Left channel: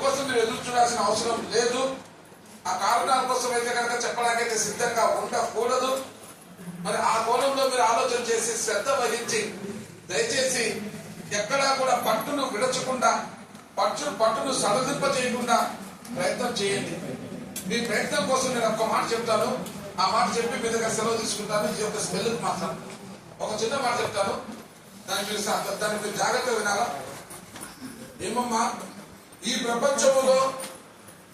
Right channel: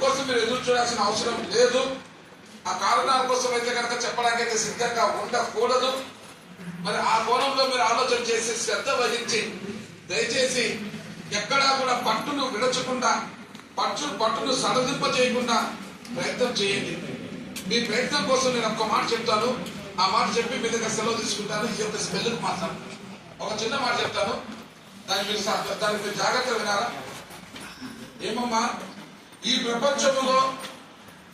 అందుకోసం మీరు ఎదురు చూడాల్సిన అవసరం లేదు. ఆ కారణాల కోసం అయితే కనుక చెప్పడానికైతే సిద్ధంగా ఉండకూడదు. మరి ఆ కోణంలో మీరు ఆలోచన చేసి శ్రద్ధ వహించి దయచేసి ఎక్కడా కూడా పట్టును విడచకుండా పట్టును సడలింప చేయకుండా ప్రయత్నం చేయండి. మీ ప్రయత్నం కోసం నేను ఒక్క మాట చెప్తాను. ఆ మాట చెప్పి మీ దగ్గర సెలవు తీసుకుంటాను. ఈ యొక్క స్మెల్ మాత్రం ఒక చిన్న మాట చెప్తాను. దానికి మీరు జాగ్రత్తగా వినాలా. ఏమమ్మా, ఈ ప్రపంచంలో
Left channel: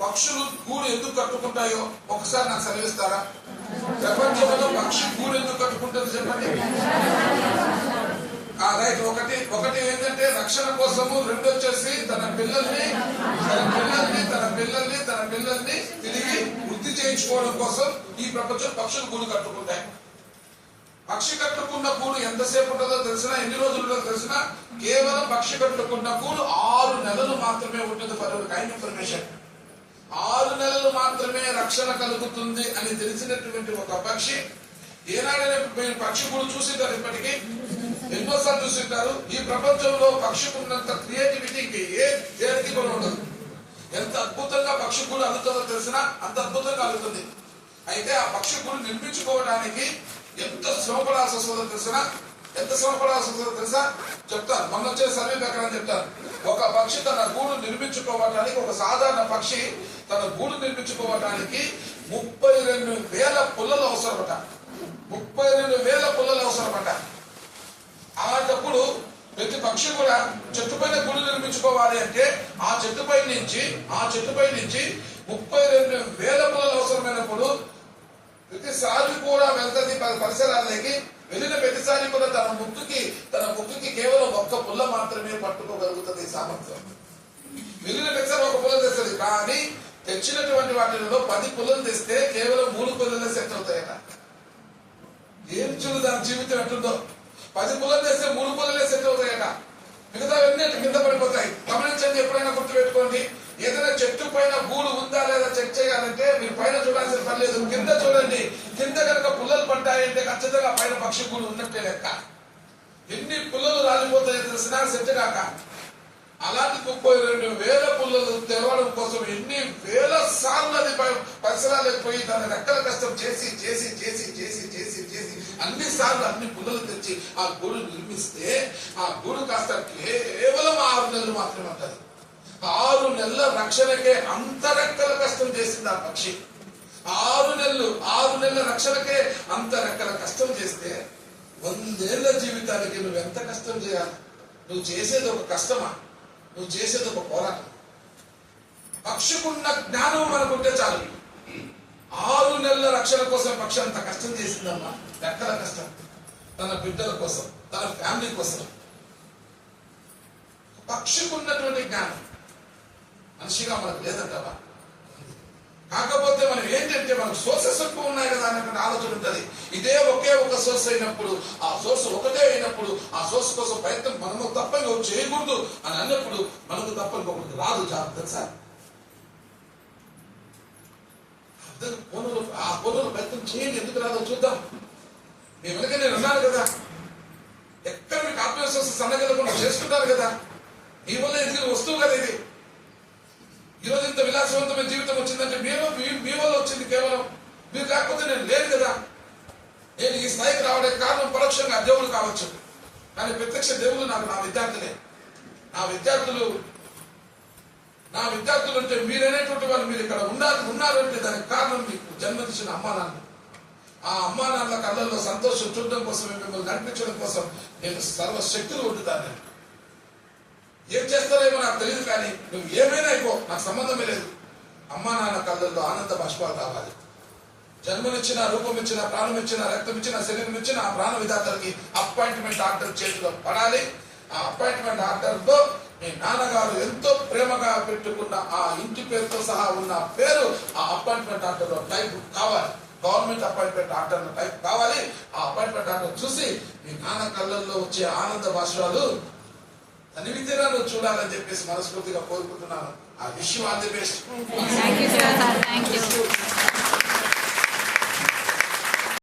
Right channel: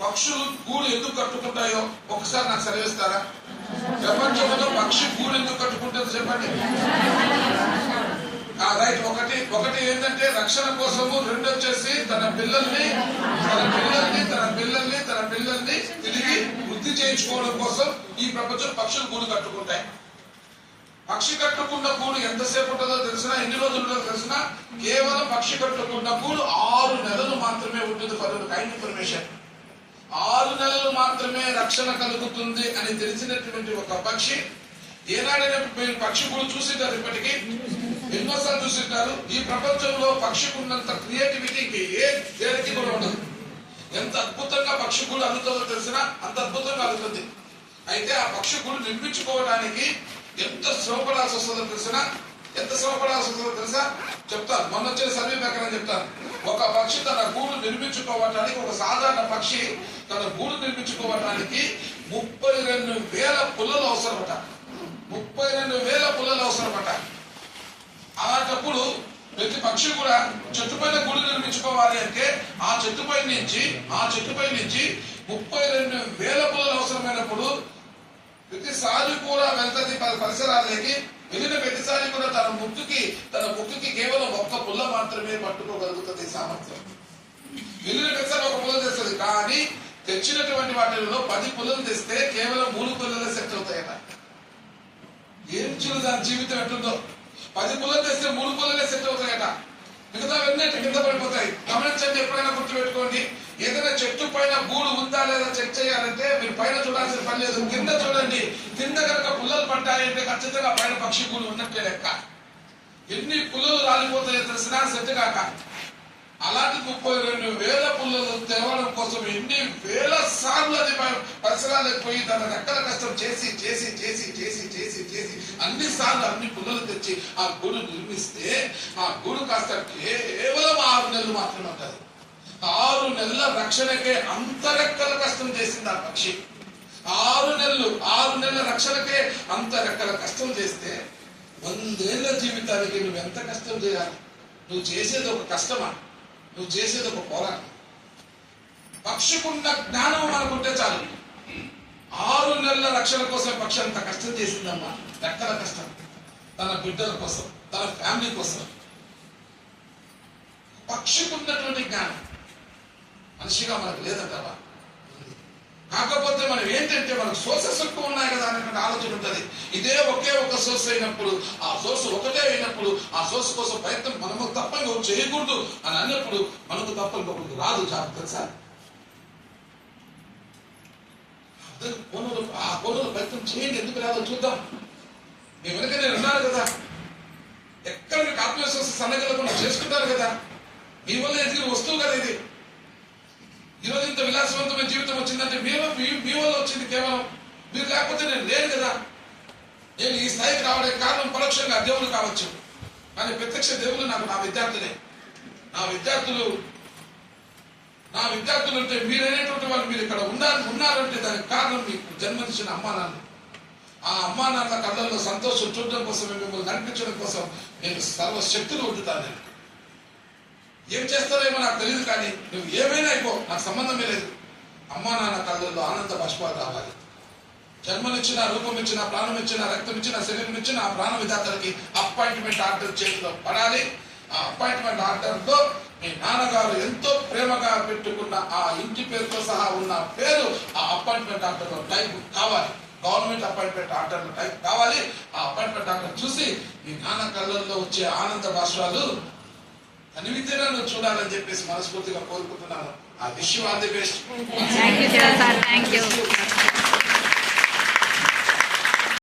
పక్షులు గూడు ఎందుకు కట్టుకుంటాయో ఒకసారి నాకు సెలవిస్తారా? ప్రపంచంలో పక్షి గూడు ఎందుకు కట్టుకుంటుందో చెప్పండి. రైట్. ఒకటి ఏంటంటే రక్షణ కోసము, రెండు వచ్చేసి తన పిల్లల్ని తిరిగి వృద్ధి చేయించుకోవడం కోసం ఈ ప్రపంచం పక్షులు గూడు కట్టుకుంటాయి. పక్షి కట్టుకున్న గూడు ఎంతసేపు ఉంటుందో తెలిసినా, ఎన్ని రోజుల్లో తెలిసినా, కేవలం పక్షి కట్టుకున్న గూడు 6 నెలలు మాత్రమే ఉంటుంది. ఫర్ కైండ్ ఇన్ఫర్మేషన్, 6 నెలలు మాత్రమే రక్షణ కలుగుతుంది అని తెలిసినటువంటి ఒక పక్షి ఏనాడైనా పక్షి గూడు చూసింటారు, ఇప్పటికీ ఎన్నోసార్లు చూసింటారు. ఈ ప్రపంచంలో పక్షికి ఉన్నంత క్రియేటివిటీకి ఏ దేనికి కూడా ఉండదు. ఎంత అద్భుతంగా పక్షి గూడు అల్లుతుందో తెలిసినా అంత అద్భుతంగా అల్లుతుంది. అయితే ఆ పక్షి గూడు నిర్మించుకోవడానికి ఎంత శ్రమపడాల్సి వస్తుందో తెలిసినా, ఎంత శ్రమపడాల్సి వస్తుందో తెలుసా చెప్తాను. మొన్న వచ్చే సర్వే ప్రకారం చెప్తాను. ఒక పక్షి తన గూడు నిర్మించుకోవటానికి, ఒక సాధారణ పక్షి తన గూడు నిర్మించుకోవటానికి 32,000 పుల్లలు అవసరమట. 32,000 పుల్లలు అవసరమట. అలాంటప్పుడు ప్రతి పక్షి కూడా చెట్టు పైన గూడు నిర్మించుకోవాలి అంటే ఆ చెట్టుపై నుంచి 32,000 పుల్లలు అవసరమైనప్పుడు ప్రతిసారి కూడా వెళ్తుంది పరిసరాలకి. వెళ్ళిన ప్రతిసారి కూడా తన ముక్కుకి కేవలం 1 పుల్ల మాత్రమే పట్టుకోగలుగుతుంది సామర్థ్యం. వెళ్ళిన ప్రతిసారి 1 పుల్ల తెస్తుంది. కానీ తెచ్చినటువంటి వాటిలో 10 పుల్లలు తెస్తే కేవలం 3 పుల్లలే సెట్ అవుతాయట. ఏం చూడు దాని జీవితం ఎట్లుందో. 10 పుల్లలు తెస్తే 3 పుల్లలే సెట్ అవుతాయట. మిగతావన్నీ కింద పడిపోతాయి. గమనించండి, ఎప్పుడైనా గుర్తుపెట్టుకోండి. ఏదైనా చెట్టు పైన గూడు ఉందా లేదా చెక్ చేయాలంటే మీరు పైన చూడాల్సిన పని లేదు, కింద చూడండి. కింద కనుక పుల్లలు పడ్డాయంటే ఖచ్చితంగా పైన పక్షి గూడు ఉన్నట్టే లెక్క. ఎన్ని పుల్లలు రాలిపోతాయో తెలిసినా సెట్ కాక. అలాంటి 32,000 పుల్లలు తెరవడం కోసం ఎన్ని వేల సార్లు అది పరిసరాలకు పోయి దాని రెక్కల కష్టం చేసి అన్ని సార్లు అన్ని పుల్లలు తెచ్చి ఆ గూడు నిర్మిస్తే ఆ గూడు కాస్త కేవలం 6 నెలలు మాత్రమే ఉంటుంది. 6 నెలల రక్షణకే అంత రెక్కల కష్టం చేసింది ఆ పక్షి. 6 నెలల రక్షణకే అంత రెక్కల కష్టం చేస్తే 100 ఏళ్ల జీవితానికి నువ్వు ఎంత కష్టం చేయాలి? నువ్వు చేసేది ఒక కష్టమా? నువ్వు చేసేది ఒక పోరాటం. పక్షికున్న జ్ఞానం మనకుంటే చాలు. 6 నెలల రక్షణ కోసం పక్షి అంత కష్టం చేసిందమ్మా. రెక్కల కష్టం, తన బిడ్డల కోసం, తన ఫ్యామిలీ కోసం. పక్షికున్నటువంటి జ్ఞానం మనిషిగా మనకు లేదంటవా. కాకపోతే మనం ఏంటంటే మనకు సోర్సెస్ ఎక్కువ ఉన్నాయి కదా అనేటువంటి ఆలోచన ఉంటుంది. ఇదే ఒకే ఒక సోర్స్ అయినప్పుడు, ఆ సోర్స్ ఒకటే అయినప్పుడు, ఆ సోర్స్ కోసం ప్రయత్నం మనము తప్ప ఇంకొకటి చేయకూడదు అని అన్నప్పుడు మనకు తప్ప ఇంకొకటి రాదు. జాబ్ తెలుసా? ఆ కోణంలో ప్రయత్నం చేయండి. ఎందుకు రాదో చూద్దాం. మీ వెనుక నేను అన్నాను కదా, ఎక్కడ మీకు ఆత్మవిశ్వాసం సన్నగలకుండా చేసుకుంటారు కదా. మీ వల్ల ఎదిగిన వస్తువు కదా ఇది. ఈరోజు ఇంత విలాసవంతమైన జీవితం వచ్చిందంటే మీ వల్ల వచ్చింది. కేవలం మీరు లేకపోతే నేను లేను కదా. నేను ఈ స్థాయికి రావడానికి కారణం పరోక్షంగా దేవుడు కావచ్చు, కానీ ప్రత్యక్ష దేవుడు నాకు నా విద్యార్థులే. నా విద్యార్థులు అంటే మీరనేటువంటి వాళ్ళు. మీరు ఇక్కడ ఉన్నారంటే దానికి కారణం మీకు జన్మనిచ్చిన అమ్మా నాన్న. ఆ అమ్మా నాన్న కళ్ళల్లో సంతోషం చూడడం కోసం, మిమ్మల్ని నడిపించడం కోసం నేను సర్వశక్తులు ఉంటుతాను. ఏం చేస్తారేమో నాకు తెలియదు, కానీ నువ్వు ఏమైనా అయిపో, నాకు సంబంధమే లేదు. అమ్మా నాన్న కళ్ళల్లో ఆనంద బాష్పాలు రావాలి. జన్మనిచ్చిన, రూపం ఇచ్చిన, ప్రాణం ఇచ్చిన, రక్తం ఇచ్చిన, శరీరం ఇచ్చిన ఆ ప్రాణ విధాతలకి అపాయింట్మెంట్ ఆర్డర్ చేతిలో పడాలి. ఆ అపాయింట్మెంట్ ఆర్డర్ లో మీ నాన్నగారు ఎంతో ప్రేమగా పెట్టుకున్న ఆ ఇంటి పేరుతో సహా ఉన్న పేరు ఆ అపాయింట్మెంట్ ఆర్డర్ లో టైప్ కావాలి. గవర్నమెంట్ అపాయింట్మెంట్ ఆర్డర్ లో టైప్ కావాలి. ఆ అపాయింట్మెంట్ ఆర్డర్ చూసి మీ నాన్న కళ్ళల్లో వచ్చే ఆనంద బాష్పాలు అనివితేనాలు చూడాలని చెప్పేసి మనస్ఫూర్తిగా కోరుకుంటున్నాను. ఆ wish you all the best.